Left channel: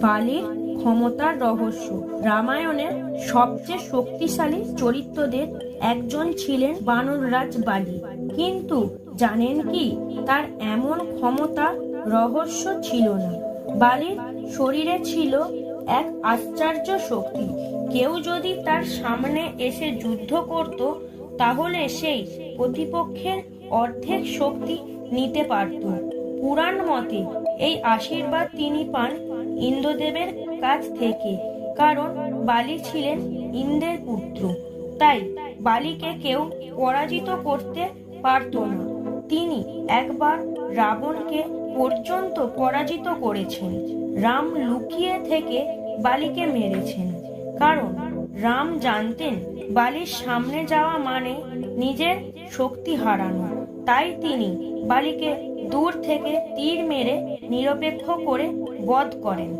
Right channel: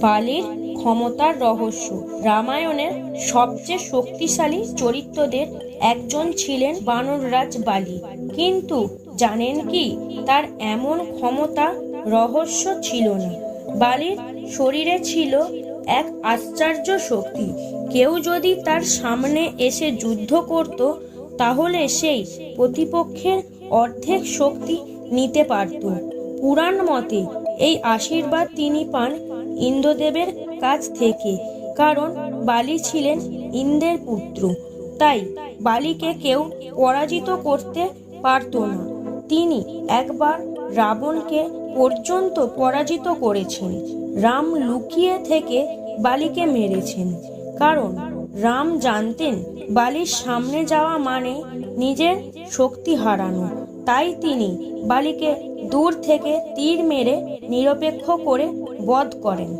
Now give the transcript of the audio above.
বালির ক্ষমতার রহস্য। রামায়ণের সবচেয়ে শক্তিশালী চরিত্রদের একজন ছিলেন বানররাজ বালি। কিন্তু জানেন কি, তার এমন ক্ষমতা, রহস্য ছিল না। বালির শরীরে ছিল এক আশ্চর্য শক্তি। কেউ যদি তার সামনে এসে যুদ্ধ করত, তাহলে সেই প্রতিপক্ষের অর্ধেক শক্তি নিতে পারত। পুরাণ মতে এই আশীর্বাদ তিনি পান ইন্দ্রদেবের কাছ থেকে, কারণ বালি ছিলেন ইন্দ্রের পুত্র। তাই বালিকে কেউ পরাজিত করতে পারত না। তিনি একবার রাবণকে পর্যন্ত পরাজিত করেছেন। রাম লুকিয়ে থেকে বালিকে মেরেছেন। কারণ রাম জানতেন বালির সামনে যাওয়া মানে নিজের শক্তি হারানো। তাই তিনি বালিকে দূর থেকে তীর মেরে নিরপেক্ষ করে বধ করেন।